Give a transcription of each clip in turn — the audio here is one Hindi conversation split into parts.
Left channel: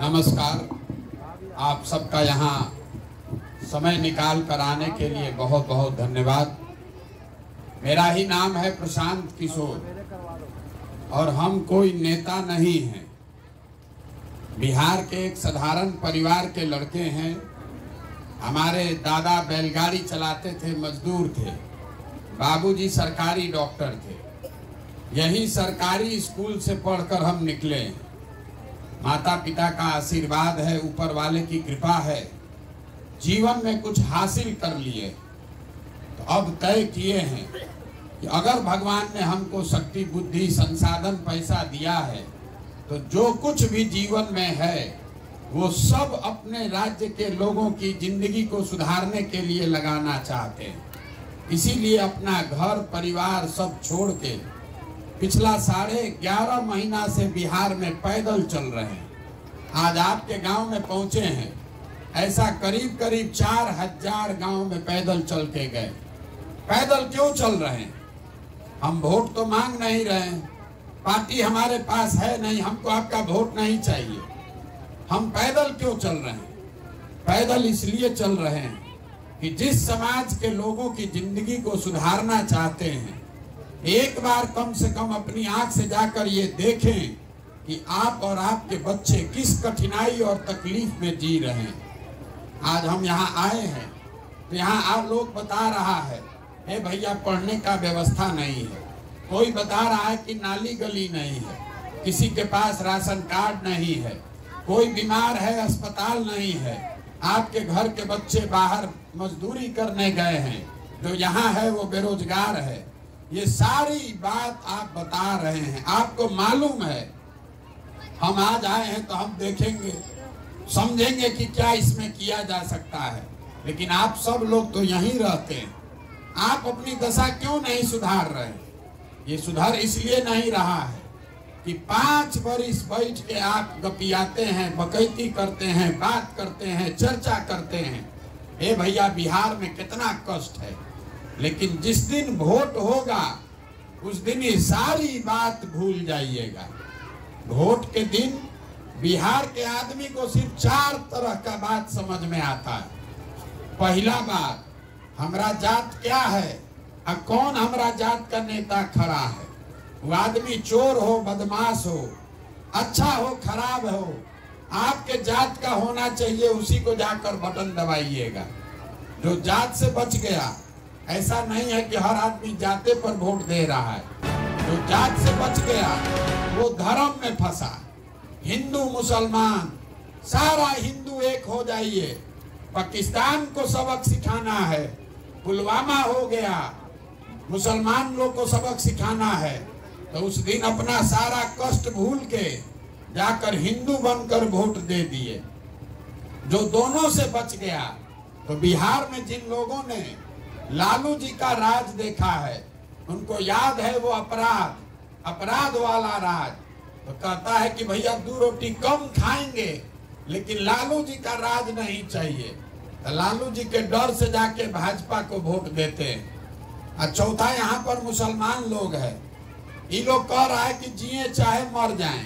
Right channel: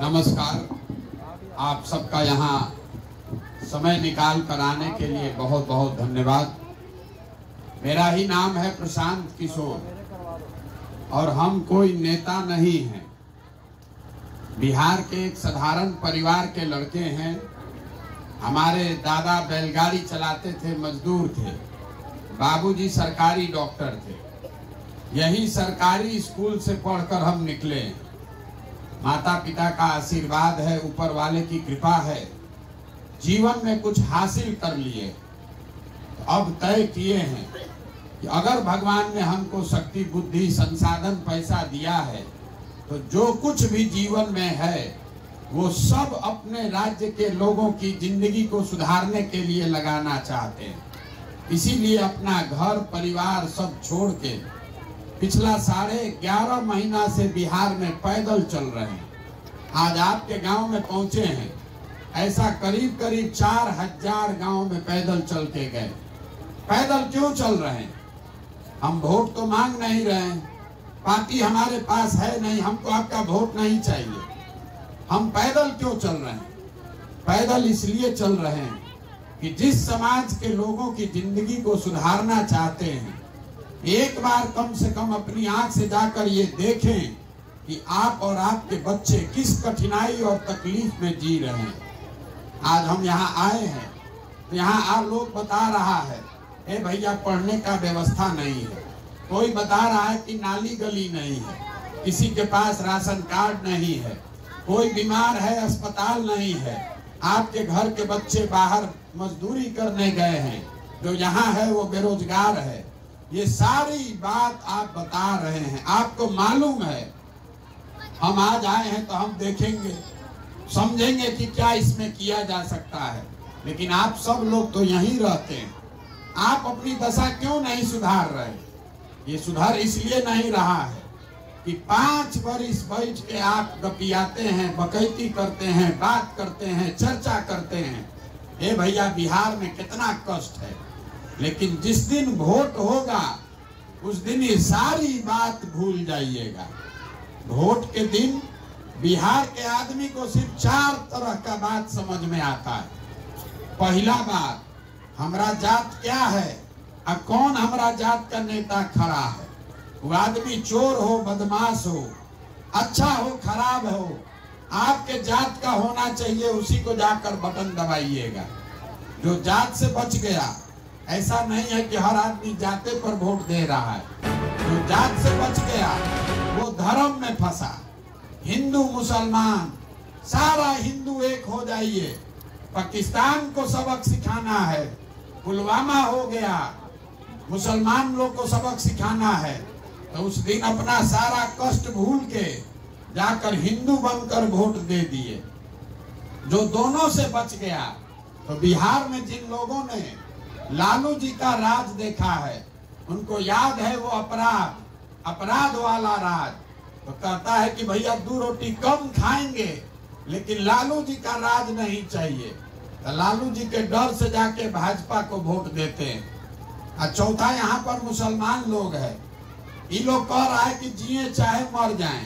नमस्कार। आप सबका यहाँ समय निकाल कर आने के लिए बहुत बहुत धन्यवाद। मेरा ही नाम है प्रशांत किशोर और हम कोई नेता नहीं हैं। बिहार के एक साधारण परिवार के लड़के हैं। हमारे दादा बैलगाड़ी चलाते थे, मजदूर थे। बाबूजी सरकारी डॉक्टर थे। यही सरकारी स्कूल से पढ़कर हम निकले। माता पिता का आशीर्वाद है, ऊपर वाले की कृपा है, जीवन में कुछ हासिल कर लिए। तो अब तय किए हैं कि अगर भगवान ने हमको शक्ति, बुद्धि, संसाधन, पैसा दिया है तो जो कुछ भी जीवन में है वो सब अपने राज्य के लोगों की जिंदगी को सुधारने के लिए लगाना चाहते हैं। इसीलिए अपना घर परिवार सब छोड़ के पिछला 11.5 महीना से बिहार में पैदल चल रहे हैं। आज आपके गांव में पहुंचे हैं। ऐसा करीब करीब 4000 गांव में पैदल चल के गए। पैदल क्यों चल रहे हैं? हम वोट तो मांग नहीं रहे हैं, पार्टी हमारे पास है नहीं, हमको आपका वोट नहीं चाहिए। हम पैदल क्यों चल रहे हैं? पैदल इसलिए चल रहे हैं कि जिस समाज के लोगों की जिंदगी को सुधारना चाहते हैं, एक बार कम से कम अपनी आंख से जाकर ये देखें कि आप और आपके बच्चे किस कठिनाई और तकलीफ में जी रहे हैं। आज हम यहाँ आए हैं तो यहाँ आप लोग बता रहा है, ए भैया पढ़ने का व्यवस्था नहीं है। कोई बता रहा है कि नाली गली नहीं है, किसी के पास राशन कार्ड नहीं है, कोई बीमार है, अस्पताल नहीं है, आपके घर के बच्चे बाहर मजदूरी करने गए हैं, जो यहाँ है वो बेरोजगार है। ये सारी बात आप बता रहे हैं। आपको मालूम है हम आज आए हैं तो हम देखेंगे, समझेंगे कि क्या इसमें किया जा सकता है। लेकिन आप सब लोग तो यहीं रहते हैं, आप अपनी दशा क्यों नहीं सुधार रहे? ये सुधार इसलिए नहीं रहा है कि 5 वर्ष बैठ के आप गपियाते हैं, बकैती करते हैं, बात करते हैं, चर्चा करते हैं। ए भैया बिहार में कितना कष्ट है, लेकिन जिस दिन वोट होगा उस दिन ये सारी बात भूल जाइएगा। वोट के दिन बिहार के आदमी को सिर्फ 4 तरह का बात समझ में आता है। पहला बात, हमारा जात क्या है और कौन हमारा जात का नेता खड़ा है। वो आदमी चोर हो, बदमाश हो, अच्छा हो, खराब हो, आपके जात का होना चाहिए, उसी को जाकर बटन दबाइएगा। जो जात से बच गया, ऐसा नहीं है कि हर आदमी जाते पर वोट दे रहा है। जो जात से बच गया वो धर्म में फंसा। हिंदू मुसलमान सारा हिंदू एक हो जाइए। पाकिस्तान को सबक सिखाना है, पुलवामा हो गया, मुसलमान लोग को सबक सिखाना है, तो उस दिन अपना सारा कष्ट भूल के जाकर हिंदू बनकर वोट दे दिए। जो दोनों से बच गया, तो बिहार में जिन लोगों ने लालू जी का राज देखा है, उनको याद है वो अपराध वाला राज। तो कहता है कि भैया 2 रोटी कम खाएंगे, लेकिन लालू जी का राज नहीं चाहिए। तो लालू जी के डर से जाके भाजपा को वोट देते हैं। और चौथा, यहाँ पर मुसलमान लोग हैं। ये लोग कह रहा है कि जिए चाहे मर जाएं,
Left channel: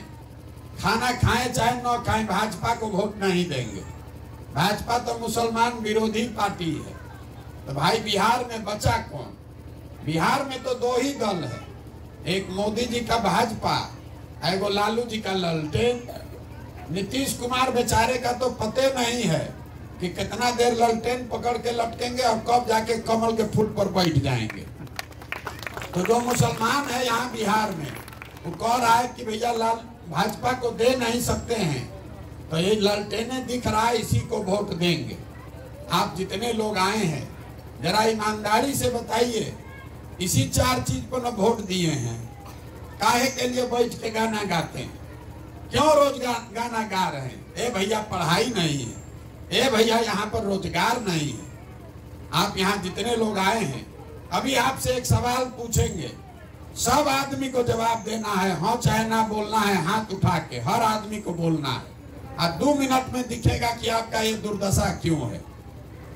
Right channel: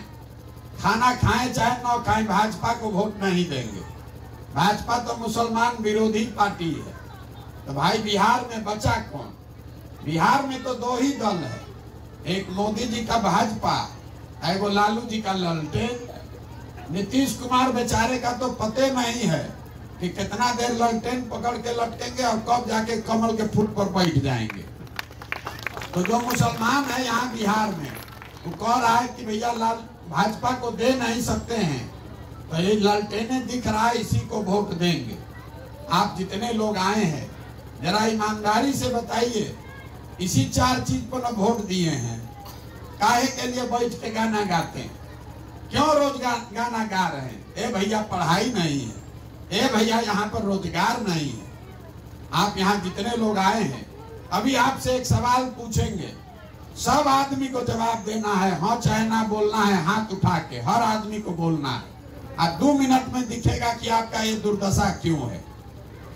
खाना खाएं चाहे न खाएं, भाजपा को वोट नहीं देंगे। भाजपा तो मुसलमान विरोधी पार्टी है। तो भाई बिहार में बचा कौन? बिहार में तो 2 ही दल है, एक मोदी जी का भाजपा, एगो लालू जी का ललटेन। नीतीश कुमार बेचारे का तो पते नहीं है कि कितना देर ललटेन पकड़ के लटकेंगे और कब जाके कमल के फूल पर बैठ जाएंगे। तो जो मुसलमान है यहाँ बिहार में, वो कह रहा है कि भैया भाजपा को दे नहीं सकते हैं, तो ये ललटेने दिख रहा है, इसी को वोट देंगे। आप जितने लोग आए हैं जरा ईमानदारी से बताइए, इसी 4 चीज पर न वोट दिए हैं। काहे के लिए बैठ के गाना गाते हैं? क्यों रोज गाना गा रहे हैं? ए भैया पढ़ाई नहीं है, ए भैया यहाँ पर रोजगार नहीं है। आप यहाँ जितने लोग आए हैं, अभी आपसे एक सवाल पूछेंगे, सब आदमी को जवाब देना है, हाँ चाहे ना बोलना है, हाथ उठा के हर आदमी को बोलना है। और 2 मिनट में दिखेगा कि आपका ये दुर्दशा क्यों है।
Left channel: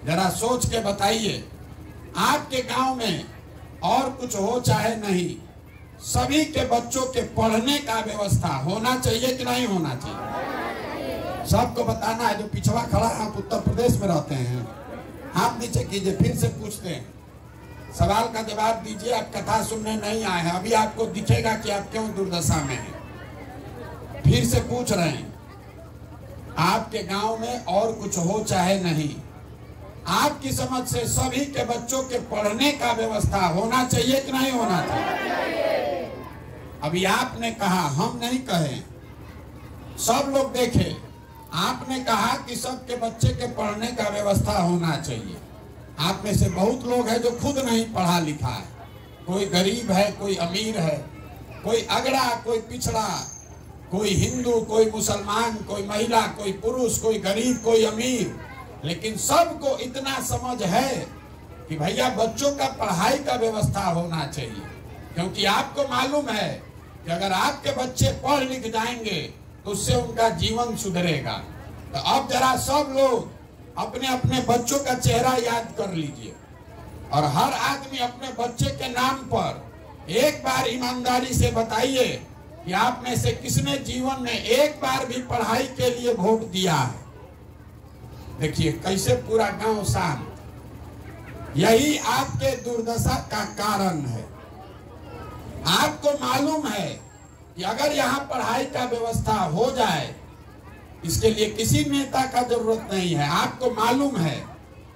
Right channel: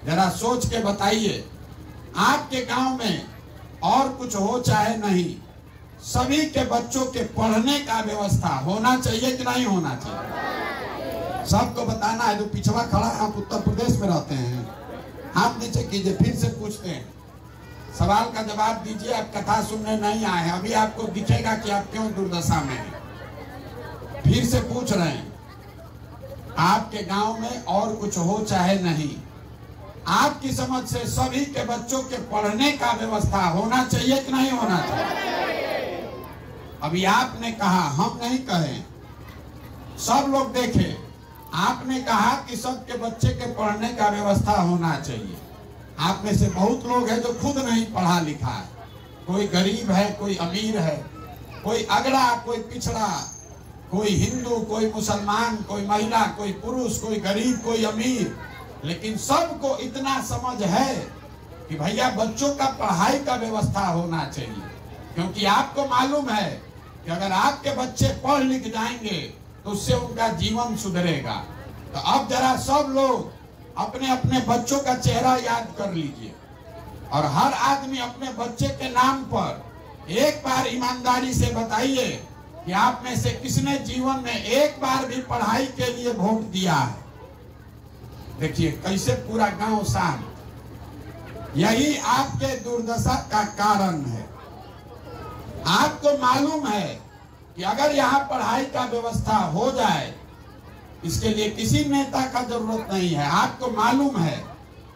जरा सोच के बताइए, आपके गांव में और कुछ हो चाहे नहीं, सभी के बच्चों के पढ़ने का व्यवस्था होना चाहिए कि नहीं होना चाहिए? बताना है, जो पिछड़ा खड़ा है, आप उत्तर प्रदेश में रहते हैं, आप नीचे कीजिए, फिर से पूछते हैं, सवाल का जवाब दीजिए। आप कथा सुनने नहीं आए हैं, अभी आपको दिखेगा कि आप क्यों दुर्दशा में हैं। फिर से पूछ रहे हैं, आपके गांव में और कुछ हो चाहे नहीं, आपकी समझ से सभी के बच्चों के पढ़ने का व्यवस्था होना चाहिए कि नहीं होना चाहिए? अभी आपने कहा, हम नहीं कहे, सब लोग देखे, आपने कहा कि सबके बच्चे के पढ़ने का व्यवस्था होना चाहिए। आप में से बहुत लोग हैं जो खुद नहीं पढ़ा लिखा है, कोई गरीब है, कोई अमीर है, कोई अगड़ा, कोई पिछड़ा, कोई हिंदू, कोई मुसलमान, कोई महिला, कोई पुरुष, कोई गरीब, कोई अमीर, लेकिन सबको इतना समझ है कि भैया बच्चों का पढ़ाई का व्यवस्था होना चाहिए। क्योंकि आपको मालूम है कि अगर आपके बच्चे पढ़ लिख जाएंगे तो उससे उनका जीवन सुधरेगा। तो अब जरा सब लोग अपने अपने बच्चों का चेहरा याद कर लीजिए और हर आदमी अपने बच्चे के नाम पर एक बार ईमानदारी से बताइए कि आप में से किसने जीवन में एक बार भी पढ़ाई के लिए वोट दिया है। देखिए कैसे पूरा गांव शांत। यही आपके दुर्दशा का कारण है। आपको मालूम है कि अगर यहाँ पढ़ाई का व्यवस्था हो जाए, इसके लिए किसी नेता का जरूरत नहीं है। आपको मालूम है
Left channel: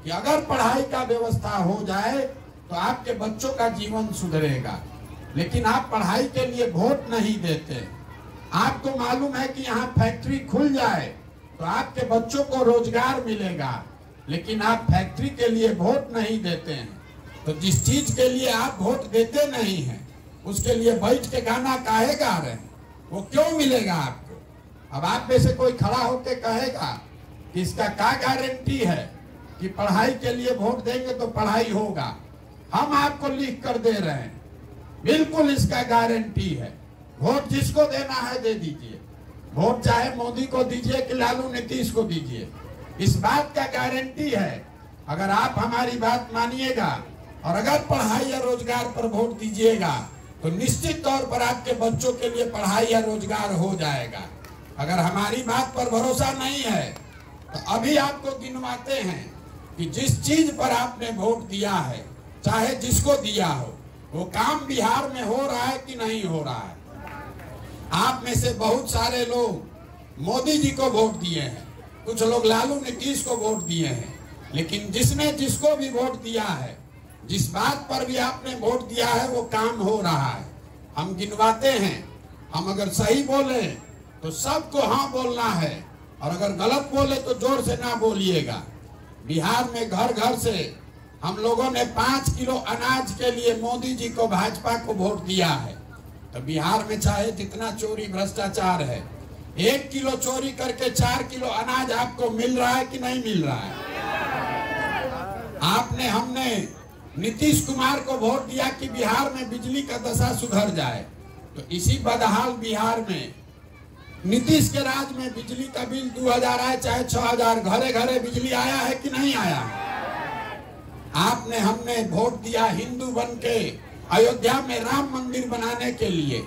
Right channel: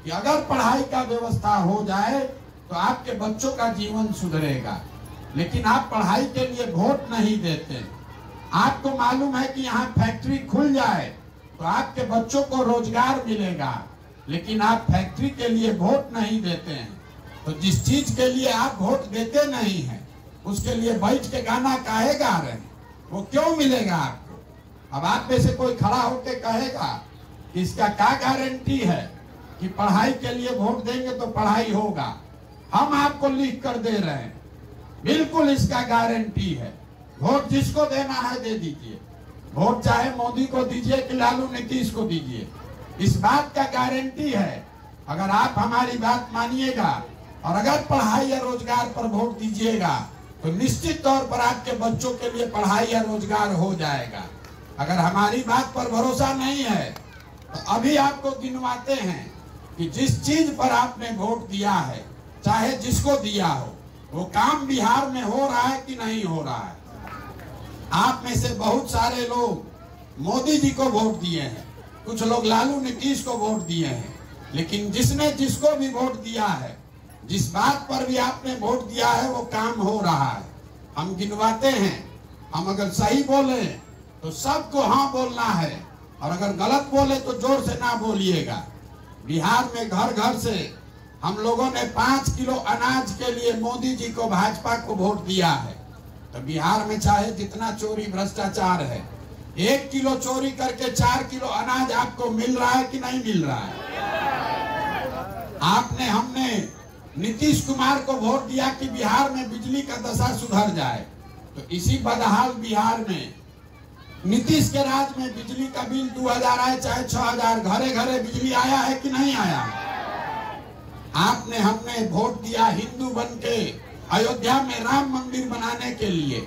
कि अगर पढ़ाई का व्यवस्था हो जाए तो आपके बच्चों का जीवन सुधरेगा, लेकिन आप पढ़ाई के लिए वोट नहीं देते। आपको मालूम है कि यहाँ फैक्ट्री खुल जाए तो आपके बच्चों को रोजगार मिलेगा, लेकिन आप फैक्ट्री के लिए वोट नहीं देते हैं। तो जिस चीज के लिए आप वोट देते नहीं हैं, उसके लिए बैठ के गाना काहे गा रहे हैं, वो क्यों मिलेगा आपको? अब आप में से कोई खड़ा होके कहेगा कि इसका क्या गारंटी है कि पढ़ाई के लिए वोट देंगे तो पढ़ाई होगा? हम आपको लिख कर दे रहे हैं, बिल्कुल इसका गारंटी है। वोट जिसको देना है दे दीजिए, वोट चाहे मोदी को दीजिए कि लालू नीतीश को दीजिए, इस बात का गारंटी है। अगर आप हमारी बात मानिएगा और अगर पढ़ाई या रोजगार पर वोट दीजिएगा तो निश्चित तौर पर आपके बच्चों के लिए पढ़ाई या रोजगार हो जाएगा। अगर हमारी बात पर भरोसा नहीं है तो अभी आपको गिनवाते हैं कि जिस चीज पर आपने वोट दिया है, चाहे जिसको दिया हो, वो काम बिहार में हो रहा है कि नहीं हो रहा है? आप में से बहुत सारे लोग मोदी जी को वोट दिए हैं, कुछ लोग लालू नीतीश को वोट दिए हैं, लेकिन जिसने जिसको भी वोट दिया है, जिस बात पर भी आपने वोट दिया है, वो काम हो रहा है। हम गिनवाते हैं, हम अगर सही बोले तो सबको हाँ बोलना है और अगर गलत बोले तो जोर से ना बोलिएगा। बिहार में घर घर से हम लोगों ने 5 किलो अनाज के लिए मोदी जी को, भाजपा को वोट दिया है। तो बिहार में चाहे जितना चोरी भ्रष्टाचार है, 1 किलो चोरी करके 4 किलो अनाज आपको मिल रहा है कि नहीं मिल रहा है? हमने नीतीश कुमार को वोट दिया कि बिहार में बिजली का दशा सुधर जाए। तो इसी बदहाल बिहार में नीतीश के राज में बिजली का बिल 2000 आए चाहे 6000, घरे घरे बिजली आया है कि नहीं आया? आपने हमने वोट दिया हिंदू बन के अयोध्या में राम मंदिर बनाने के लिए।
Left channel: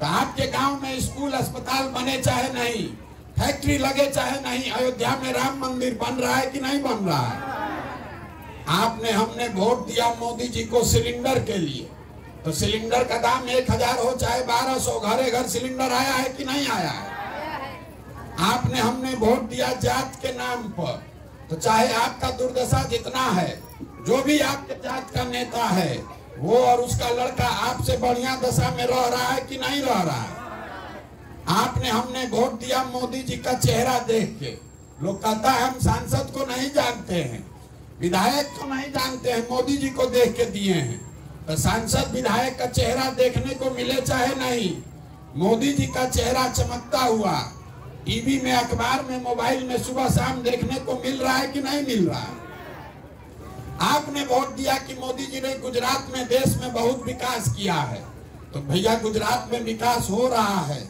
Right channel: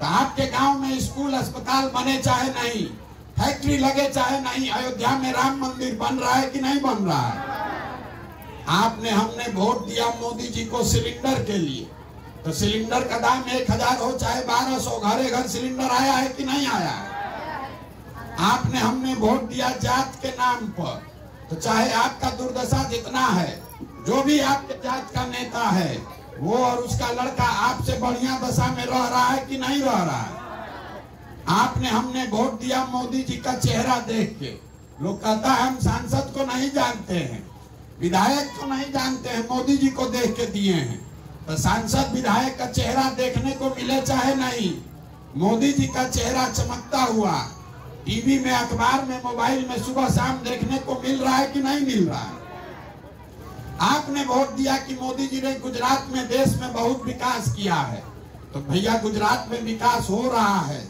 तो आपके गांव में स्कूल अस्पताल बने चाहे नहीं, फैक्ट्री लगे चाहे नहीं, अयोध्या में राम मंदिर बन रहा है कि नहीं बन रहा है? आपने हमने वोट दिया मोदी जी को सिलेंडर के लिए। तो सिलेंडर का दाम 1000 हो चाहे 1200, घरे घर सिलेंडर आया है कि नहीं आया है? आपने हमने वोट दिया जात के नाम पर। तो चाहे आपका दुर्दशा जितना है, जो भी आपके जात का नेता है, वो और उसका लड़का आपसे बढ़िया दशा में रह रहा है कि नहीं रह रहा है? आपने हमने वोट दिया मोदी जी का चेहरा देख के। लोग कहता है हम सांसद को नहीं जानते हैं, विधायक को नहीं जानते हैं, मोदी जी को देख के दिए हैं। तो सांसद विधायक का चेहरा देखने को मिले चाहे नहीं, मोदी जी का चेहरा चमकता हुआ टीवी में, अखबार में, मोबाइल में सुबह शाम देखने को मिल रहा है कि नहीं मिल रहा है? आपने वोट दिया कि मोदी जी ने गुजरात में, देश में बहुत विकास किया है। तो भैया गुजरात में विकास हो रहा है,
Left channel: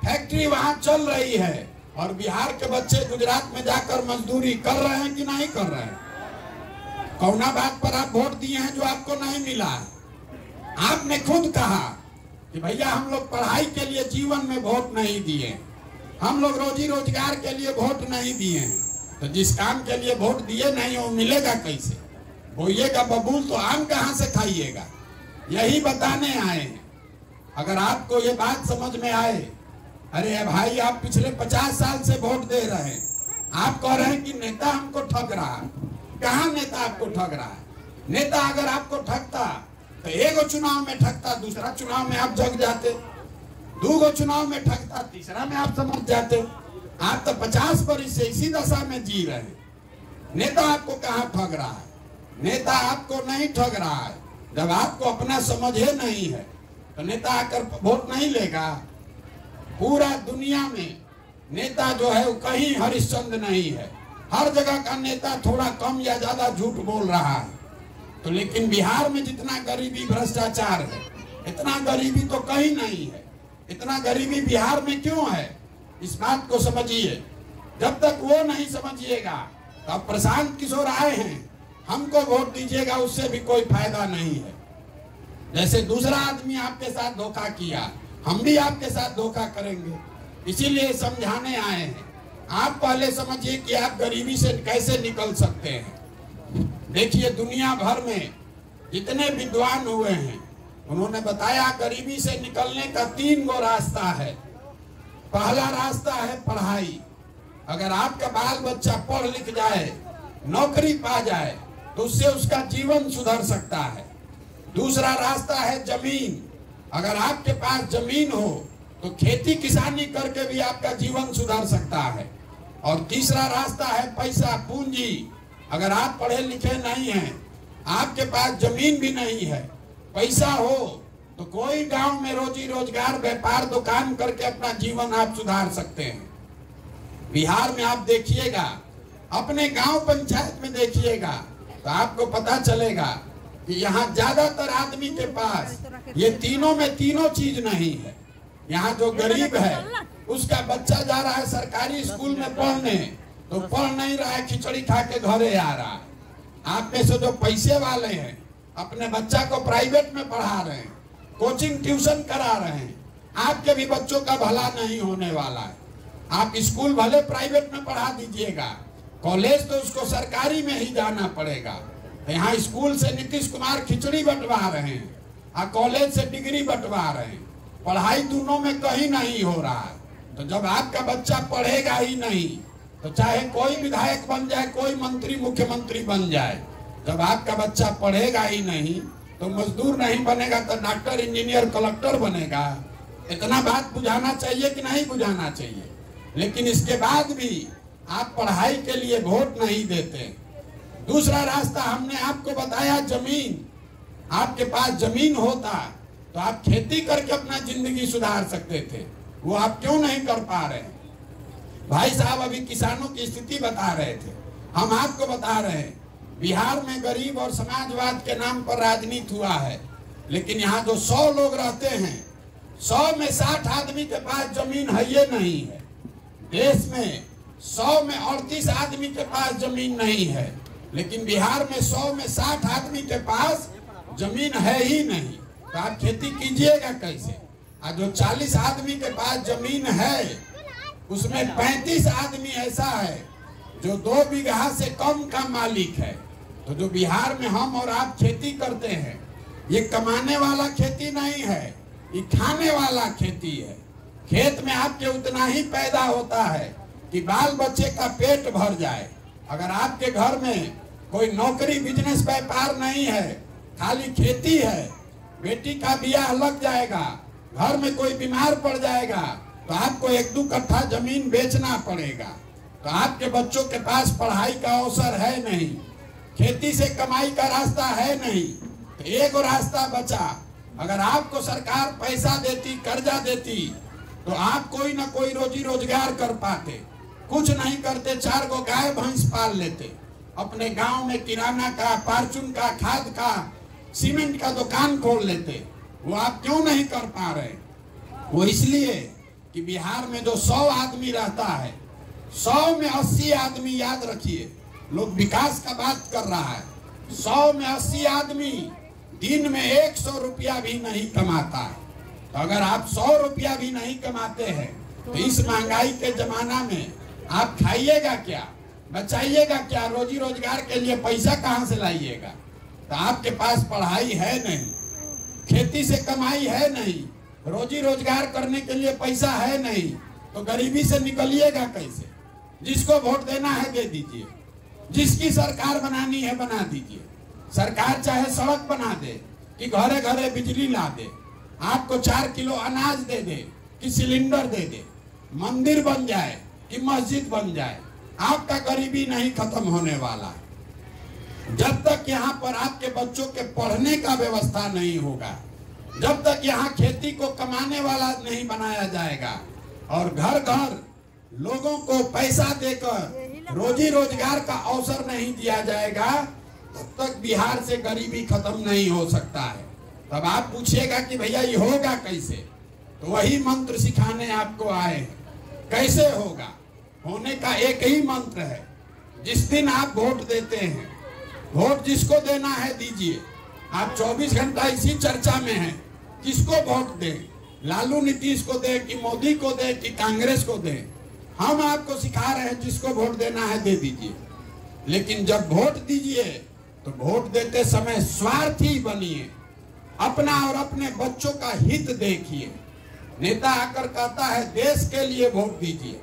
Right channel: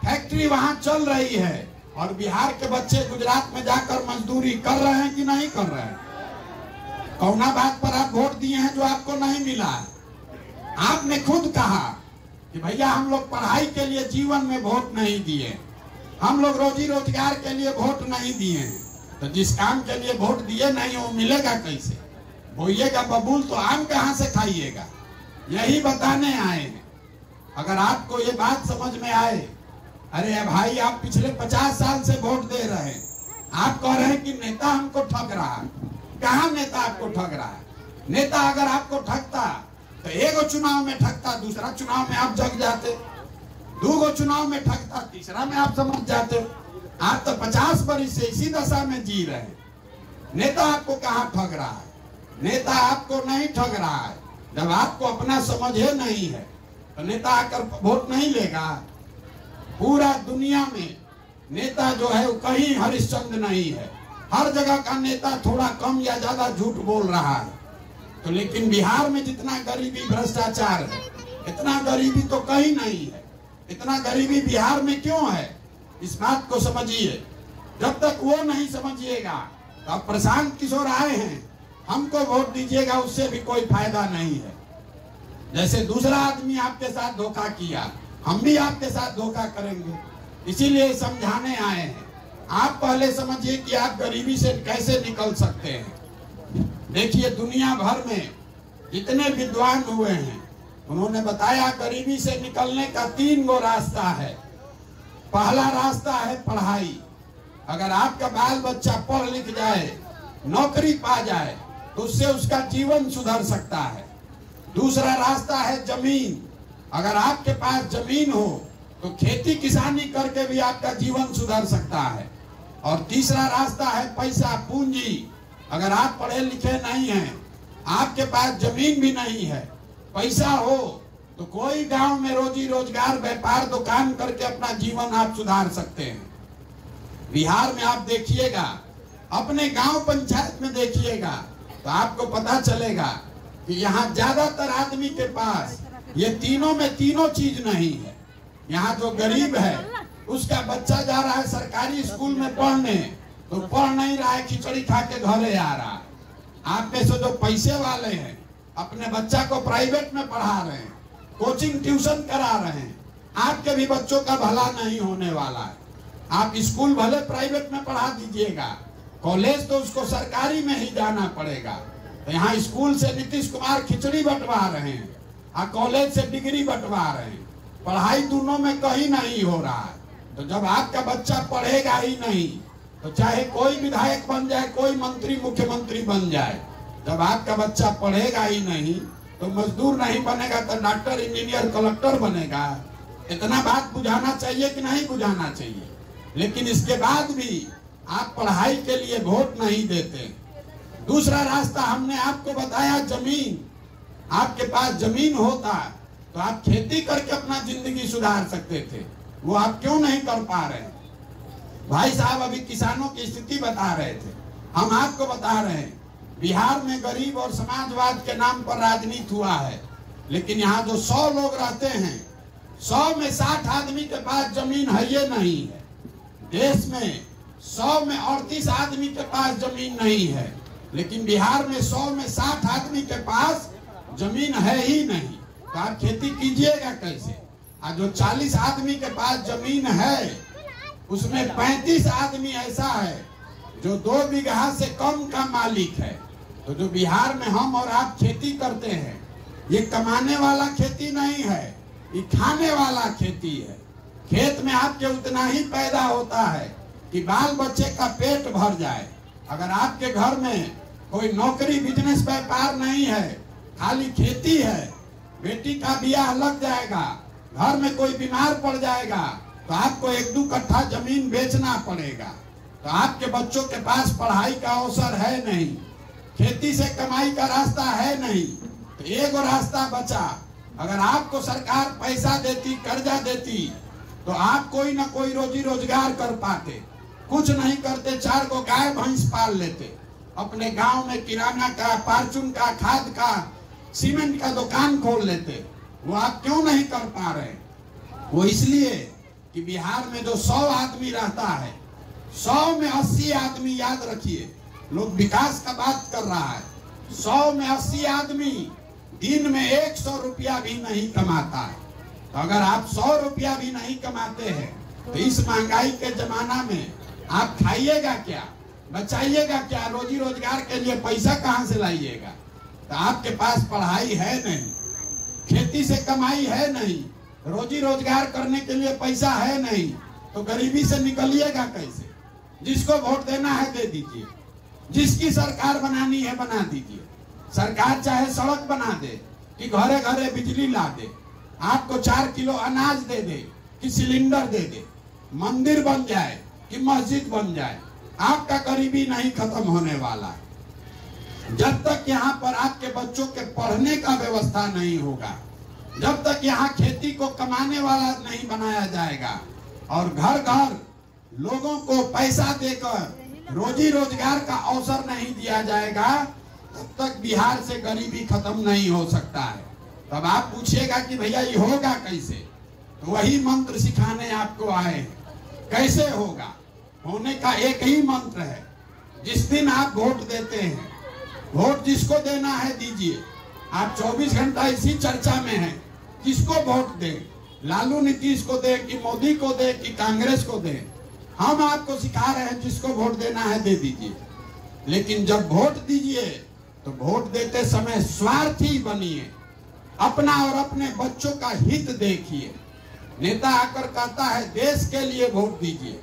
फैक्ट्री वहां चल रही है, और बिहार के बच्चे गुजरात में जाकर मजदूरी कर रहे हैं कि नहीं कर रहे हैं? कौना बात पर आप वोट दिए हैं जो आपको नहीं मिला है? आपने खुद कहा कि भैया हम लोग पढ़ाई के लिए जीवन में वोट नहीं दिए। हम लोग रोजी रोजगार के लिए वोट नहीं दिए हैं, तो जिस काम के लिए वोट दिए नहीं वो मिलेगा कैसे? बोइएगा बबूल तो आम कहाँ से खाइएगा? यही बताने आए हैं। अगर आपको ये बात समझ में आए, अरे भाई आप पिछले 50 साल से वोट दे रहे हैं, आप कह रहे हैं कि नेता हमको ठग रहा है। कहाँ नेता आपको ठग रहा है? नेता अगर आपको ठगता तो एक चुनाव में ठगता, दूसरा चुनाव में आप जग जाते, 2 चुनाव में ठगता, तीसरा में आप समझ जाते। आप तो 50 वर्ष से इसी दशा में जी रहे हैं। नेता आपको कहाँ ठग रहा है? नेता आपको नहीं ठग रहा है। जब आपको अपना समझे नहीं है तो नेता आकर वोट नहीं लेगा। पूरा दुनिया में नेता जो है वो कहीं हरिश्चंद्र नहीं है। हर जगह का नेता थोड़ा कम या ज्यादा झूठ बोल रहा है। तो लेकिन बिहार में जितना गरीबी भ्रष्टाचार है, इतना गरीबी तो कहीं नहीं है। इतना गरीबी बिहार में क्यों है, इस बात को समझिए। जब तक वो नहीं समझिएगा तो अब प्रशांत किशोर आए हैं, हमको वोट दीजिएगा, उससे भी कोई फायदा नहीं है। जैसे दूसरा आदमी आपके साथ धोखा किया, हम भी आपके साथ धोखा करेंगे। इसीलिए समझाने आए हैं। आप पहले समझिए कि आप गरीबी से कैसे निकल सकते हैं। देखिए दुनिया भर में जितने विद्वान हुए हैं उन्होंने बताया गरीबी से निकलने का 3 गो रास्ता है। पहला रास्ता है पढ़ाई। अगर आपका बाल बच्चा पढ़ लिख जाए, नौकरी पा जाए तो उससे उसका जीवन सुधर सकता है। दूसरा रास्ता है जमीन। अगर आपके पास जमीन हो तो खेती किसानी करके भी आपका जीवन सुधर सकता है। और तीसरा रास्ता है पैसा, पूंजी। अगर आप पढ़े लिखे नहीं हैं, आपके पास जमीन भी नहीं है, पैसा हो तो कोई गांव में रोजी रोजगार, व्यापार, दुकान करके अपना जीवन आप सुधार सकते हैं। बिहार में आप देखिएगा, अपने गांव पंचायत में देखिएगा तो आपको पता चलेगा कि यहाँ ज्यादातर आदमी के पास ये तीनों में तीनों चीज नहीं है। यहाँ जो गरीब है उसका बच्चा जा रहा है सरकारी स्कूल में पढ़ने, तो पढ़ नहीं रहा है, खिचड़ी खा के घरे आ रहा है। आप में से जो पैसे वाले हैं अपने बच्चा को प्राइवेट में पढ़ा रहे हैं, कोचिंग ट्यूशन करा रहे हैं, आपके भी बच्चों का भला नहीं होने वाला है। आप स्कूल भले प्राइवेट में पढ़ा दीजिएगा, कॉलेज तो उसको सरकारी में ही जाना पड़ेगा। यहाँ स्कूल से नीतीश कुमार खिचड़ी बंटवा रहे हैं और कॉलेज से डिग्री बंटवा रहे हैं। पढ़ाई दोनों में कहीं नहीं हो रहा है। तो जब आपका बच्चा पढ़ेगा ही नहीं तो चाहे कोई विधायक बन जाए, कोई मंत्री मुख्यमंत्री बन जाए, जब आपका बच्चा पढ़ेगा ही नहीं तो मजदूर नहीं बनेगा तो डॉक्टर, इंजीनियर, कलेक्टर बनेगा। इतना बात बुझाना चाहिए कि नहीं बुझाना चाहिए? लेकिन इसके बाद भी आप पढ़ाई के लिए वोट नहीं देते। दूसरा रास्ता हमने आपको बताया, जमीन। आपके पास जमीन होता तो आप खेती करके अपना जिंदगी सुधार सकते थे। वो आप क्यों नहीं कर पा रहे? भाई साहब अभी किसानों की स्थिति बता रहे थे, हम आपको बता रहे हैं बिहार में गरीब और समाजवाद के नाम पर राजनीति हुआ है। लेकिन यहाँ जो 100 लोग रहते हैं, 100 में 60 आदमी के पास जमीन है ये नहीं है। देश में 100 में 38 आदमी के पास जमीन नहीं है, लेकिन बिहार में 100 में 60 आदमी के पास जमीन है ही नहीं। तो आप खेती कीजिएगा कैसे? और जो 40 आदमी के पास जमीन है उसमें 35 आदमी ऐसा है जो 2 बीघा से कम का मालिक है। तो जो बिहार में हम और आप खेती करते हैं, ये कमाने वाला खेती नहीं है, ये खाने वाला खेती है। खेत में आपके उतना ही पैदा होता है कि बाल बच्चे का पेट भर जाए। अगर आपके घर में कोई नौकरी, बिजनेस, व्यापार नहीं है, खाली खेती है, बेटी का ब्याह लग जाएगा, घर में कोई बीमार पड़ जाएगा तो आपको 1-2 कट्ठा जमीन बेचना पड़ेगा। तो आपके बच्चों के पास पढ़ाई का अवसर है नहीं, खेती से कमाई का रास्ता है नहीं, तो एक रास्ता बचा। अगर आपको सरकार पैसा देती, कर्जा देती तो आप कोई ना कोई रोजी रोजगार कर पाते। कुछ नहीं करते, 4 गो गाय भैंस पाल लेते, अपने गांव में किराना का, फार्चून का, खाद का, सीमेंट का दुकान खोल लेते। वो आप क्यों नहीं कर पा रहे? वो इसलिए कि बिहार में जो 100 आदमी रहता है, 100 में 80 आदमी, याद रखिए, लोग विकास का बात कर रहा है, 100 में 80 आदमी दिन में 100 रुपया भी नहीं कमाता है। तो अगर आप 100 रुपया भी नहीं कमाते हैं तो इस महंगाई के जमाना में आप खाइएगा क्या, बचाइएगा क्या, रोजी रोजगार के लिए पैसा कहाँ से लाइएगा? तो आपके पास पढ़ाई है नहीं, खेती से कमाई है नहीं, रोजी रोजगार करने के लिए पैसा है नहीं, तो गरीबी से निकलिएगा कैसे? जिसको वोट देना है दे दीजिए, जिसकी सरकार बनानी है बना दीजिए। सरकार चाहे सड़क बना दे कि घरे घरे बिजली ला दे, आपको 4 किलो अनाज दे दे कि सिलेंडर दे दे, मंदिर बन जाए कि मस्जिद बन जाए, आपका गरीबी नहीं खत्म होने वाला। जब तक यहाँ पर आपके बच्चों के पढ़ने का व्यवस्था नहीं होगा, जब तक यहाँ खेती को कमाने वाला नहीं बनाया जाएगा और घर घर लोगों को पैसा देकर रोजी रोजगार का अवसर नहीं दिया जाएगा, तब तक बिहार से गरीबी खत्म नहीं हो सकता है। तब आप पूछिएगा कि भैया ये होगा कैसे, तो वही मंत्र सिखाने आपको आए हैं। कैसे होगा? होने का एक ही मंत्र है। जिस दिन आप वोट देते हैं, वोट जिसको देना है दीजिए। आप 24 घंटा इसी चर्चा में हैं, किसको वोट दें, लालू नीतीश को दें कि मोदी को दें कि कांग्रेस को दें। हम आपको सिखा रहे हैं जिसको वोट देना है दे दीजिए, लेकिन जब वोट दीजिए तो वोट देते समय स्वार्थी बनिए, अपना और अपने बच्चों का हित देखिए। नेता आकर कहता है देश के लिए वोट दीजिए,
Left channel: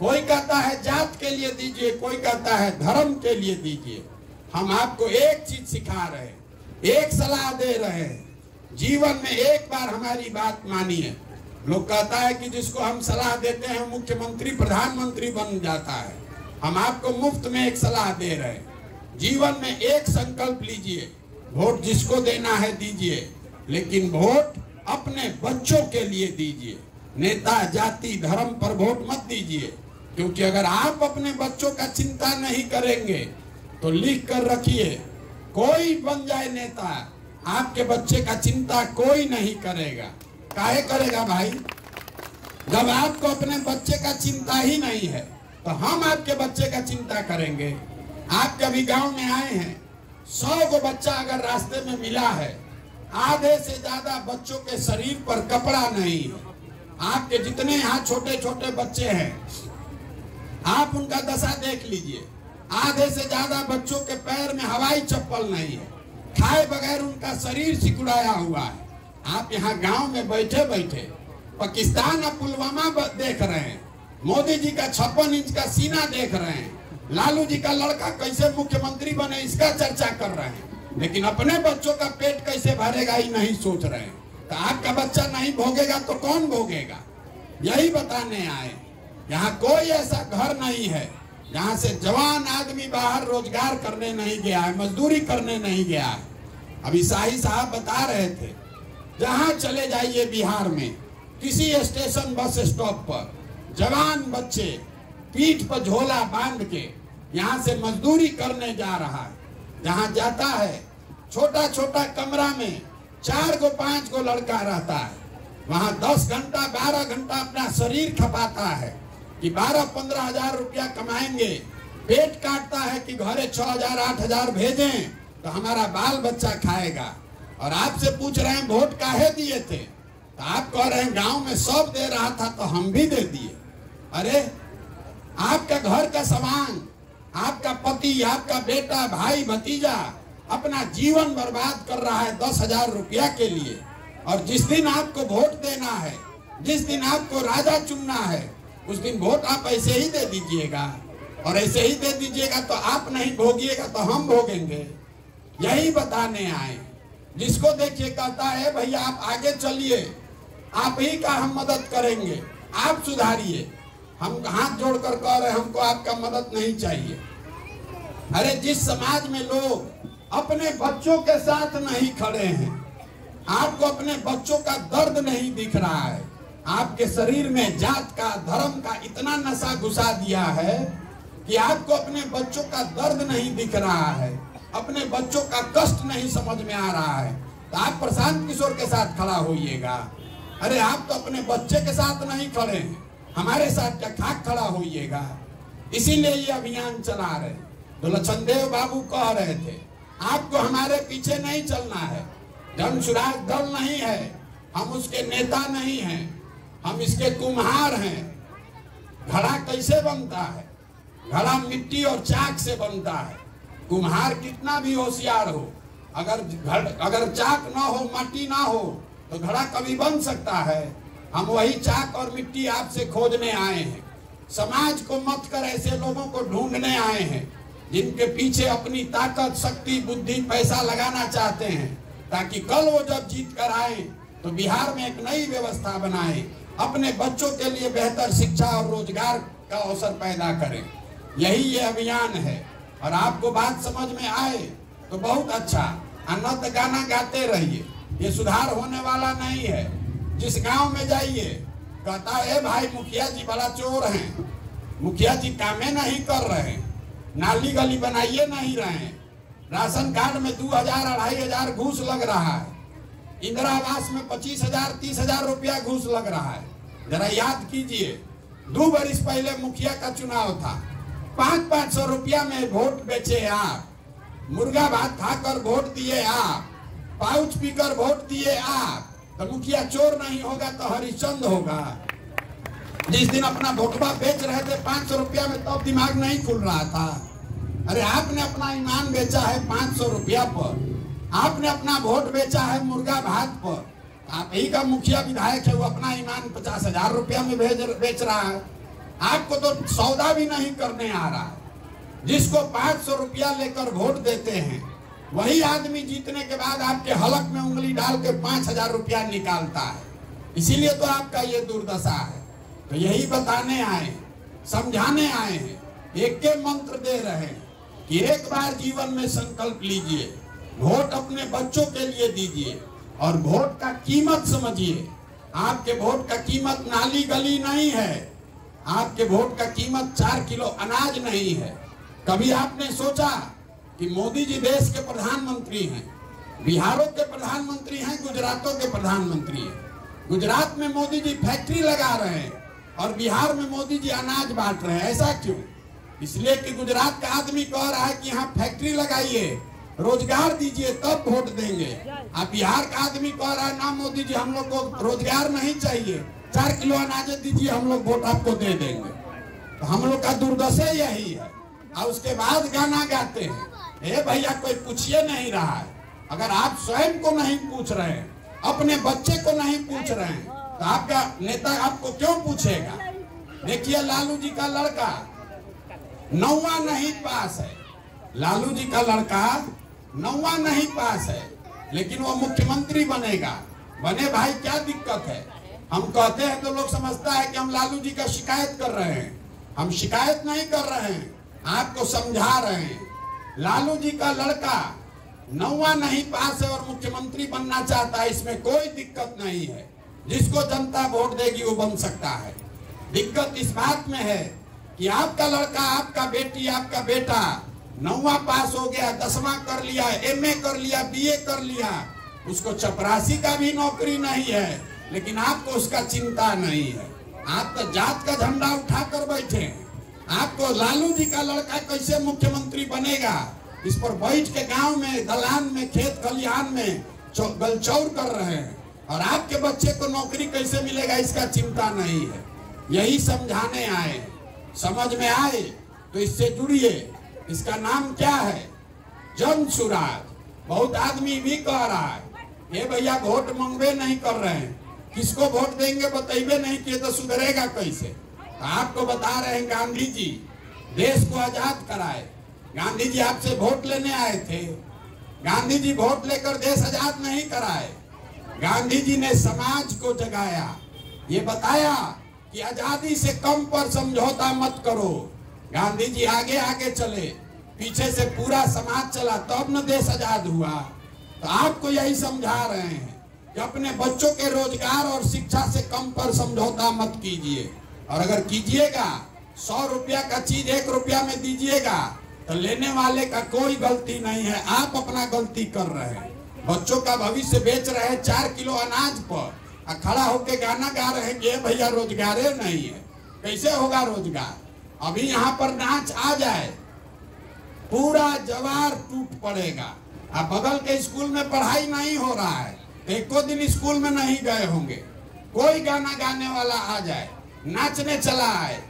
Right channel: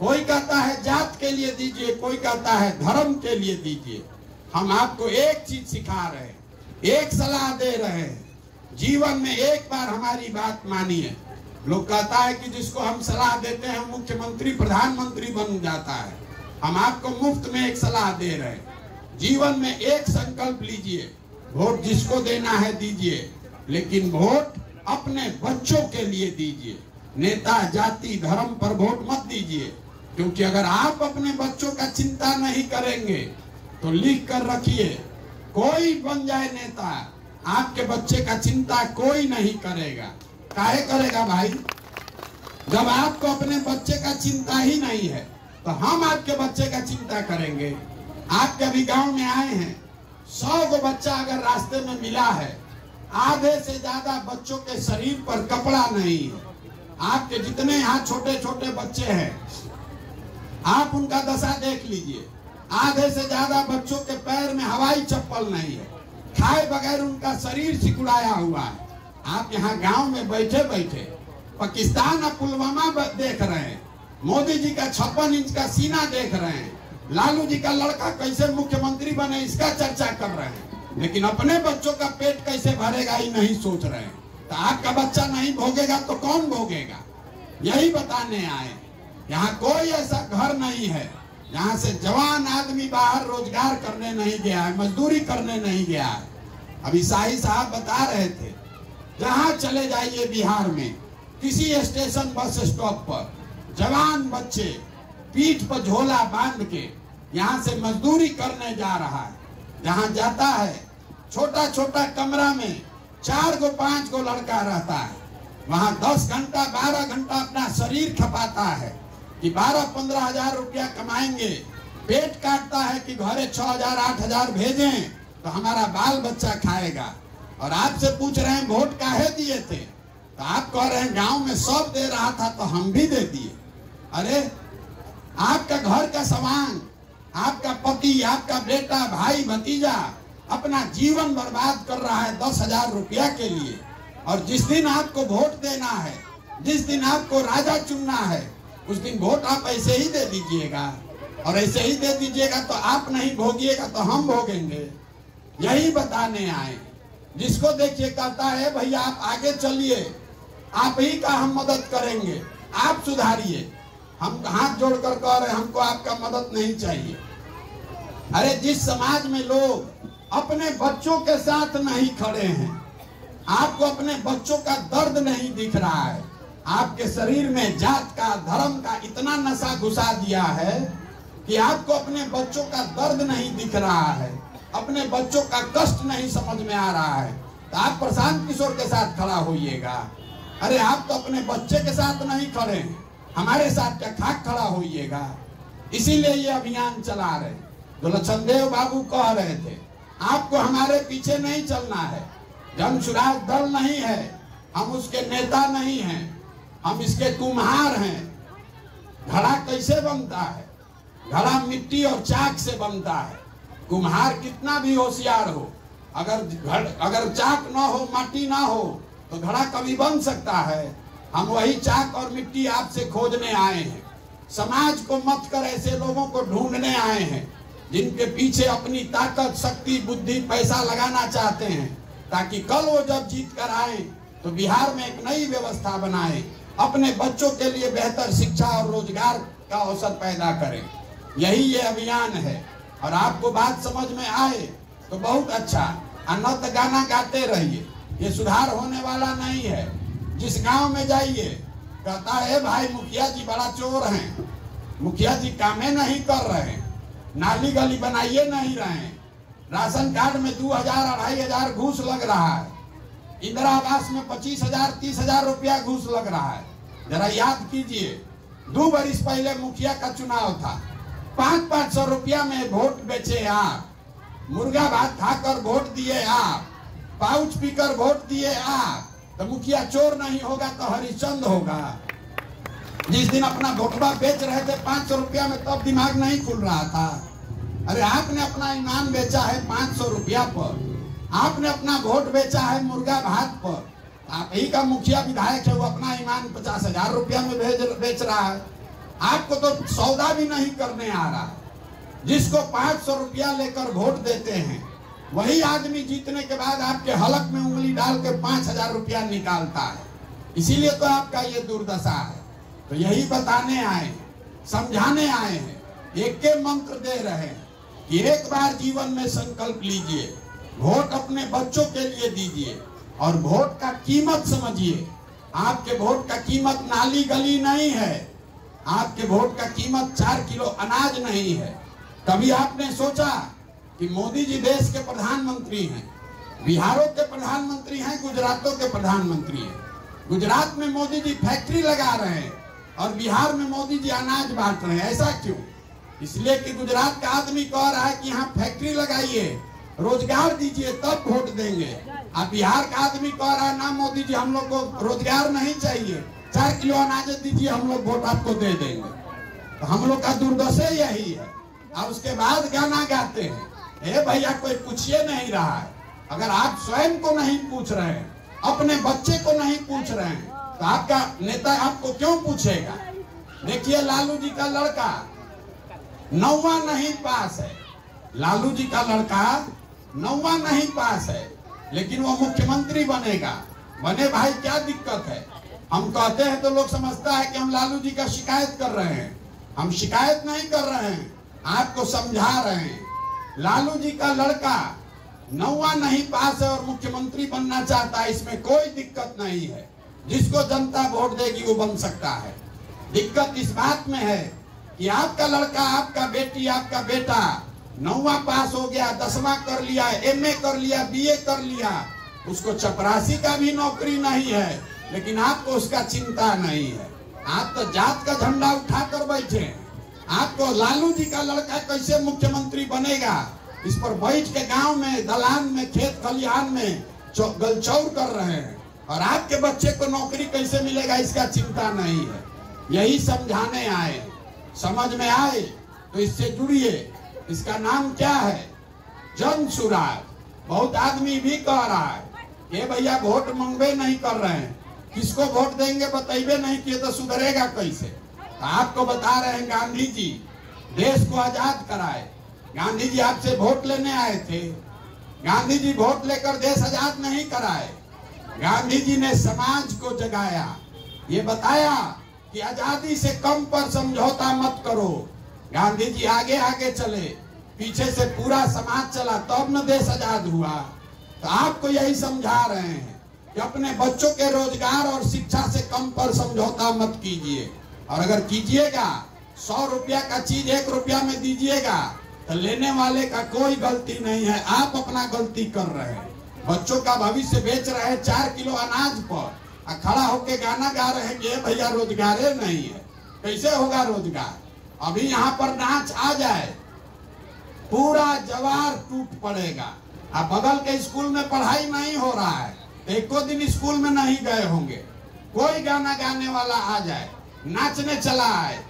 कोई कहता है जात के लिए दीजिए, कोई कहता है धर्म के लिए दीजिए। हम आपको एक चीज सिखा रहे हैं, एक सलाह दे रहे हैं, जीवन में एक बार हमारी बात मानिए। लोग कहता है कि जिसको हम सलाह देते हैं मुख्यमंत्री प्रधानमंत्री बन जाता है। हम आपको मुफ्त में एक सलाह दे रहे हैं, जीवन में एक संकल्प लीजिए, वोट जिसको देना है दीजिए, लेकिन वोट अपने बच्चों के लिए दीजिए। नेता जाति धर्म पर वोट मत दीजिए, क्योंकि अगर आप अपने बच्चों का चिंता नहीं करेंगे तो लिख कर रखिए, कोई बन जाए नेता, आपके बच्चे का चिंता कोई नहीं करेगा। काहे करेगा भाई? जब आपको अपने बच्चे का चिंता ही नहीं है तो हम आपके बच्चे का चिंता करेंगे। आप कभी गांव में आए हैं, 100 को बच्चा अगर रास्ते में मिला है, आधे से ज्यादा बच्चों के शरीर पर कपड़ा नहीं है। आपके जितने यहाँ छोटे छोटे बच्चे हैं, आप उनका दशा देख लीजिए, आधे से ज्यादा बच्चों के पैर में हवाई चप्पल नहीं है, खाए बगैर उनका शरीर सिकुड़ाया हुआ है। आप यहाँ गांव में बैठे बैठे पाकिस्तान और पुलवामा देख रहे हैं, मोदी जी का 56 इंच का सीना देख रहे हैं, लालू जी का लड़का कैसे मुख्यमंत्री बने इसका चर्चा कर रहे हैं, लेकिन अपने बच्चों का पेट कैसे भरेगा ही नहीं सोच रहे हैं। तो आपका बच्चा नहीं भोगेगा तो कौन भोगेगा? यही बताने आए। यहाँ कोई ऐसा घर नहीं है जहाँ से जवान आदमी बाहर रोजगार करने नहीं गया है, मजदूरी करने नहीं गया है। अभी शाही साहब बता रहे थे, जहाँ चले जाइए बिहार में किसी स्टेशन बस स्टॉप पर जवान बच्चे पीठ पर झोला बांध के यहाँ से मजदूरी करने जा रहा है। जहाँ जाता है छोटा छोटा कमरा में 4 को 5 को लड़का रहता है, वहाँ 10 घंटा 12 घंटा अपना शरीर खपाता है कि 12-15 हजार रुपया कमाएंगे। पेट काटता है कि घरे 6,000 8,000 भेजें तो हमारा बाल बच्चा खाएगा। और आपसे पूछ रहे हैं वोट काहे दिए थे, तो आप कह रहे हैं गांव में सब दे रहा था तो हम भी दे दिए। अरे आपका घर का सामान, आपका पति, आपका बेटा, भाई, भतीजा अपना जीवन बर्बाद कर रहा है 10,000 रुपया के लिए, और जिस दिन आपको वोट देना है, जिस दिन आपको राजा चुनना है, उस दिन वोट आप ऐसे ही दे दीजिएगा। और ऐसे ही दे दीजिएगा तो आप नहीं भोगिएगा तो हम भोगेंगे। यही बताने आए। जिसको देखिए कहता है भैया आप आगे चलिए, आप ही का हम मदद करेंगे, आप सुधारिए। हम हाथ जोड़कर कह रहे हमको आपका मदद नहीं चाहिए। अरे जिस समाज में लोग अपने बच्चों के साथ नहीं खड़े हैं, आपको अपने बच्चों का दर्द नहीं दिख रहा है, आपके शरीर में जात का धर्म का इतना नशा घुसा दिया है कि आपको अपने बच्चों का दर्द नहीं दिख रहा है, अपने बच्चों का कष्ट नहीं समझ में आ रहा है, तो आप प्रशांत किशोर के साथ खड़ा होइएगा। अरे आप तो अपने बच्चे के साथ नहीं खड़े हैं, हमारे साथ क्या खाक खड़ा होइएगा। इसीलिए ये अभियान चला रहे। जो लक्ष्मणदेव बाबू कह रहे थे, आपको हमारे पीछे नहीं चलना है, जनसुराज दल नहीं है, हम उसके नेता नहीं हैं, हम इसके कुम्हार हैं। घड़ा कैसे बनता है? घड़ा मिट्टी और चाक से बनता है। कुम्हार कितना भी होशियार हो, अगर चाक ना हो, माटी ना हो, तो घड़ा कभी बन सकता है? हम वही चाक और मिट्टी आपसे खोजने आए हैं। समाज को मत कर ऐसे लोगों को ढूंढने आए हैं जिनके पीछे अपनी ताकत, शक्ति, बुद्धि, पैसा लगाना चाहते हैं, ताकि कल वो जब जीत कर आए तो बिहार में एक नई व्यवस्था बनाए, अपने बच्चों के लिए बेहतर शिक्षा और रोजगार का अवसर पैदा करें। यही ये अभियान है। और आपको बात समझ में आए तो बहुत अच्छा, अन्नत गाना गाते रहिए। ये सुधार होने वाला नहीं है। जिस गांव में जाइए कहता है भाई मुखिया जी बड़ा चोर हैं, मुखिया जी कामें नहीं कर रहे, नाली गली बनाइए नहीं रहे, राशन कार्ड में 2000 2500 घूस लग रहा है, इंदिरा आवास में 25,000 30,000 रुपया घूस लग रहा है। जरा याद कीजिए, 2 बरिस पहले मुखिया का चुनाव था, 500 रुपया में वोट बेचे आप, मुर्गा भात खाकर वोट दिए आप, पाउच पीकर वोट दिए आप, तो मुखिया चोर नहीं होगा तो हरिश्चंद्र होगा। जिस दिन अपना वोटवा बेच रहे थे 500 रुपया में, तब दिमाग नहीं खुल रहा था। अरे आपने अपना ईमान बेचा है 500 रुपया पर, आपने अपना वोट बेचा है मुर्गा भात पर। आप ही का मुखिया विधायक है, वो अपना ईमान 50,000 रुपया में बेच रहा है। आपको तो सौदा भी नहीं करने आ रहा। जिसको 500 रुपया लेकर वोट देते हैं, वही आदमी जीतने के बाद आपके हलक में उंगली डाल के 5,000 रुपया निकालता है। इसीलिए तो आपका ये दुर्दशा है। तो यही बताने आए, समझाने आए हैं, एक के मंत्र दे रहे हैं कि एक बार जीवन में संकल्प लीजिए, वोट अपने बच्चों के लिए दीजिए और वोट का कीमत समझिए। आपके वोट का कीमत नाली गली नहीं है, आपके वोट का कीमत 4 किलो अनाज नहीं है। कभी आपने सोचा कि मोदी जी देश के प्रधानमंत्री हैं, बिहारों के प्रधानमंत्री हैं, गुजरातों के प्रधानमंत्री हैं। गुजरात में मोदी जी फैक्ट्री लगा रहे हैं और बिहार में मोदी जी अनाज बांट रहे हैं। ऐसा क्यों? इसलिए कि गुजरात का आदमी कह रहा है कि यहाँ फैक्ट्री लगाइए, रोजगार दीजिए, तब वोट देंगे। अब बिहार का आदमी कह रहा है ना मोदी जी हम लोग को रोजगार नहीं चाहिए, 4 किलो अनाज दीजिए, हम लोग वोट आपको दे देंगे। तो हम लोग का दुर्दशा यही है। और उसके बाद गाना गाते हैं, ए भैया कोई पूछिए नहीं रहा है। अगर आप स्वयं को नहीं पूछ रहे हैं, अपने बच्चे को नहीं पूछ रहे हैं, तो आपका नेता आपको क्यों पूछेगा? देखिए लालू जी का लड़का 9वां नहीं पास है, लालू जी का लड़का 9वां नहीं पास है, लेकिन वो मुख्यमंत्री बनेगा। बने भाई, क्या दिक्कत है? हम कहते हैं तो लोग समझता है कि हम लालू जी का शिकायत कर रहे हैं। हम शिकायत नहीं कर रहे हैं, आपको समझा रहे हैं। लालू जी का लड़का 9वां नहीं पास है और मुख्यमंत्री बनना चाहता है, इसमें कोई दिक्कत नहीं है। जिसको जनता वोट देगी वो बन सकता है। दिक्कत इस बात में है कि आपका लड़का, आपका बेटी, आपका बेटा 9वां पास हो गया, 10वां कर लिया, MA कर लिया, BA कर लिया, उसको चपरासी का भी नौकरी नहीं है, लेकिन आपको उसका चिंता नहीं है। आप तो जात का झंडा उठाकर बैठे हैं। आपको लालू जी का लड़का कैसे मुख्यमंत्री बनेगा, इस पर बैठ के गांव में, दलान में, खेत खलिहान में गलचौर कर रहे हैं। और आपके बच्चे को नौकरी कैसे मिलेगा, इसका चिंता नहीं है। यही समझाने आए। समझ में आए तो इससे जुड़िए। इसका नाम क्या है? जन सुराज। बहुत आदमी भी कह रहा है, ये भैया वोट मंगवे नहीं कर रहे हैं, किसको वोट देंगे बताइए नहीं किए तो सुधरेगा कैसे? आपको बता रहे हैं, गांधी जी देश को आजाद कराए। गांधी जी आपसे वोट लेने आए थे। गांधी जी वोट लेकर देश आजाद नहीं कराए। गांधी जी ने समाज को जगाया, ये बताया कि आजादी से कम पर समझौता मत करो। गांधी जी आगे आगे चले, पीछे से पूरा समाज चला, तब न देश आजाद हुआ। तो आपको यही समझा रहे हैं कि अपने बच्चों के रोजगार और शिक्षा से कम पर समझौता मत कीजिए। और अगर कीजिएगा, 100 रुपया का चीज 1 रुपया में दीजिएगा, तो लेने वाले का कोई गलती नहीं है, आप अपना गलती कर रहे हैं। बच्चों का भविष्य बेच रहे हैं 4 किलो अनाज पर, खड़ा होके गाना गा रहे हैं कि भैया रोजगार नहीं है। कैसे होगा रोजगार? अभी यहाँ पर नाच आ जाए, पूरा जवार टूट पड़ेगा। अब बगल के स्कूल में पढ़ाई नहीं हो रहा है, एको दिन स्कूल में नहीं गए होंगे, कोई गाना गाने वाला आ जाए, नाचने चला आए,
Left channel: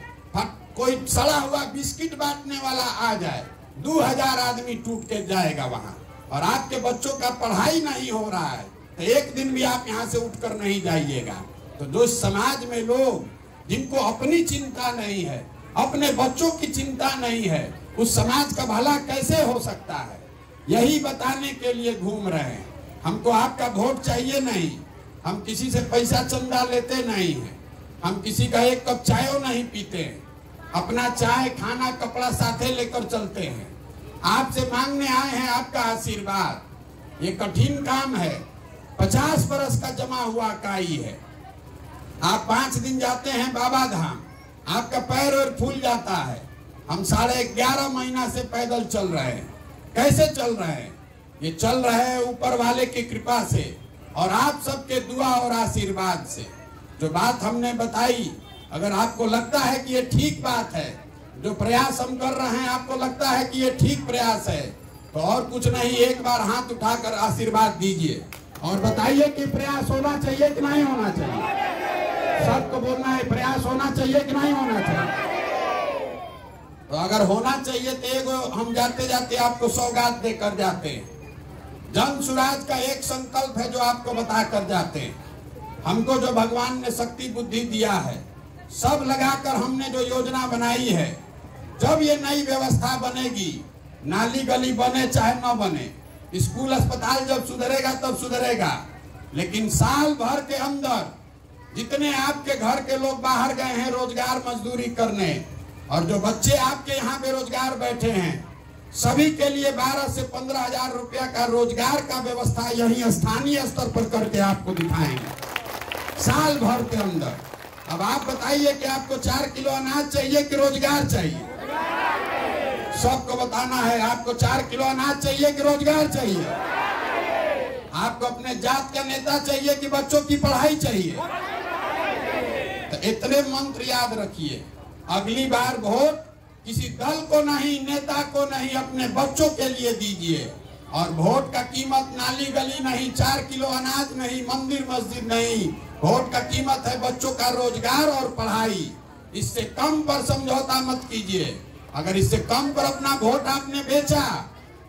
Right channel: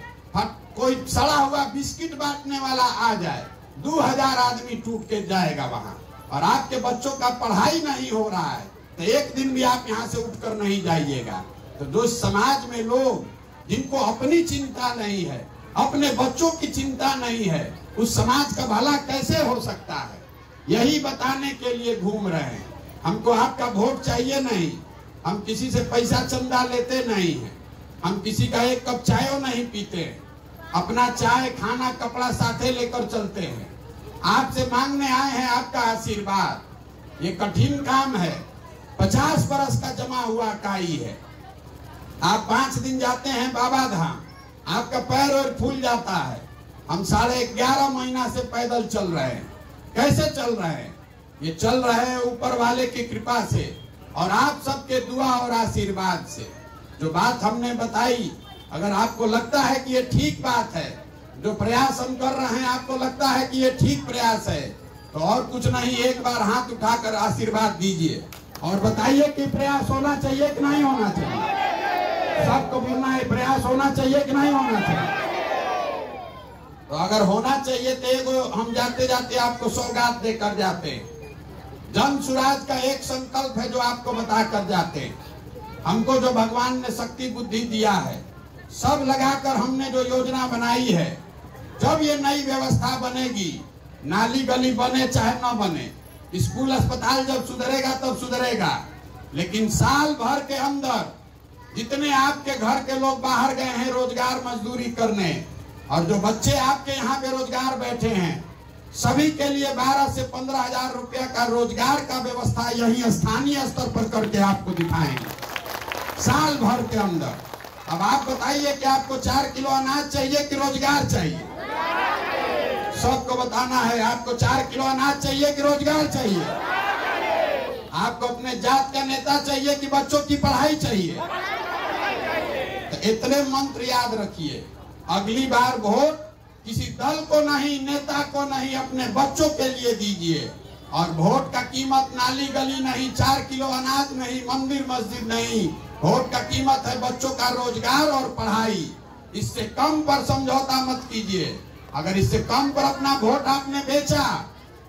कोई सड़ा हुआ बिस्किट बांटने वाला आ जाए, 2000 आदमी टूट के जाएगा वहां, और आपके बच्चों का पढ़ाई नहीं हो रहा है तो एक दिन भी आप यहाँ से उठकर नहीं जाइएगा। तो जो समाज में लोग जिनको अपनी चिंता नहीं है, अपने बच्चों की चिंता नहीं है, उस समाज का भला कैसे हो सकता है, यही बताने के लिए घूम रहे हैं। हमको आपका वोट चाहिए नहीं, हम किसी से पैसा चंदा लेते नहीं है, हम किसी का एक कप चाय नहीं पीते हैं, अपना चाय खाना कपड़ा साथे लेकर चलते हैं। आपसे मांगने आए हैं आपका आशीर्वाद। ये कठिन काम है, 50 बरस का जमा हुआ काई है। आप 5 दिन जाते हैं बाबा धाम, आपका पैर और फूल जाता है। हम 11.5 महीना से पैदल चल रहे हैं। कैसे चल रहे हैं? ये चल रहे हैं ऊपर वाले की कृपा से और आप सबके दुआ और आशीर्वाद से। जो बात हमने बताई, अगर आपको लगता है कि ये ठीक बात है, जो प्रयास हम कर रहे हैं आपको लगता है कि ये ठीक प्रयास है, तो और कुछ नहीं, एक बार हाथ उठाकर आशीर्वाद दीजिए और बताइए कि प्रयास होना चाहिए कि नहीं होना चाहिए। सबको बोलना है प्रयास होना चाहिए कि नहीं होना चाहिए। तो अगर होना चाहिए तो एगो हम जाते जाते आपको सौगात देकर जाते हैं। जन सुराज का एक संकल्प है जो आपको बता कर जाते हैं। हमको जो भगवान ने शक्ति बुद्धि दिया है, सब लगाकर हमने जो योजना बनाई है, जब ये नई व्यवस्था बनेगी, नाली गली बने चाहे न बने, स्कूल अस्पताल जब सुधरेगा तब सुधरेगा, लेकिन साल भर के अंदर जितने आपके घर के लोग बाहर गए हैं रोजगार मजदूरी करने, और जो बच्चे आपके यहाँ बेरोजगार बैठे हैं, सभी के लिए 12 से 15 हजार रुपया का रोजगार का व्यवस्था यही स्थानीय स्तर पर करके आपको दिखाएंगे साल भर के अंदर। अब आप बताइए कि आपको 4 किलो अनाज चाहिए कि रोजगार चाहिए? सबको बताना है, आपको 4 किलो अनाज चाहिए कि रोजगार चाहिए? आपको अपने जात का नेता चाहिए कि बच्चों की पढ़ाई चाहिए? तो इतने मंत्र याद रखिए। अगली बार वोट किसी दल को नहीं, नेता को नहीं, अपने बच्चों के लिए दीजिए। और वोट का कीमत नाली गली नहीं, 4 किलो अनाज नहीं, मंदिर मस्जिद नहीं, वोट का कीमत है बच्चों का रोजगार और पढ़ाई। इससे कम पर समझौता मत कीजिए। अगर इससे कम पर अपना वोट आपने बेचा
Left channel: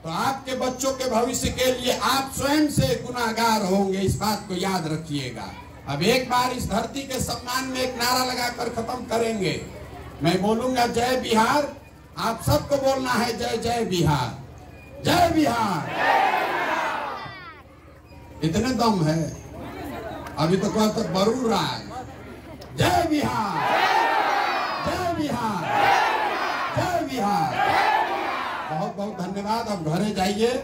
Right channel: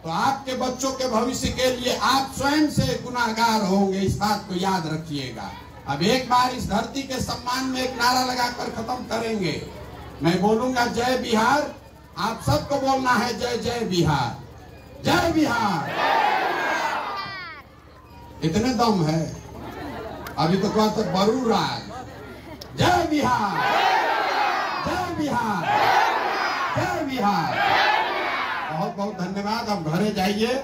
तो आपके बच्चों के भविष्य के लिए आप स्वयं से गुनाहगार होंगे, इस बात को याद रखिएगा। अब एक बार इस धरती के सम्मान में एक नारा लगाकर खत्म करेंगे। मैं बोलूंगा जय बिहार, आप सबको बोलना है जय जय बिहार, जय बिहार। इतने दम है, अभी तो कल तक बरू रहा है। जय बिहार, जय बिहार, जय बिहार। बहुत बहुत धन्यवाद। अब घरे जाइए।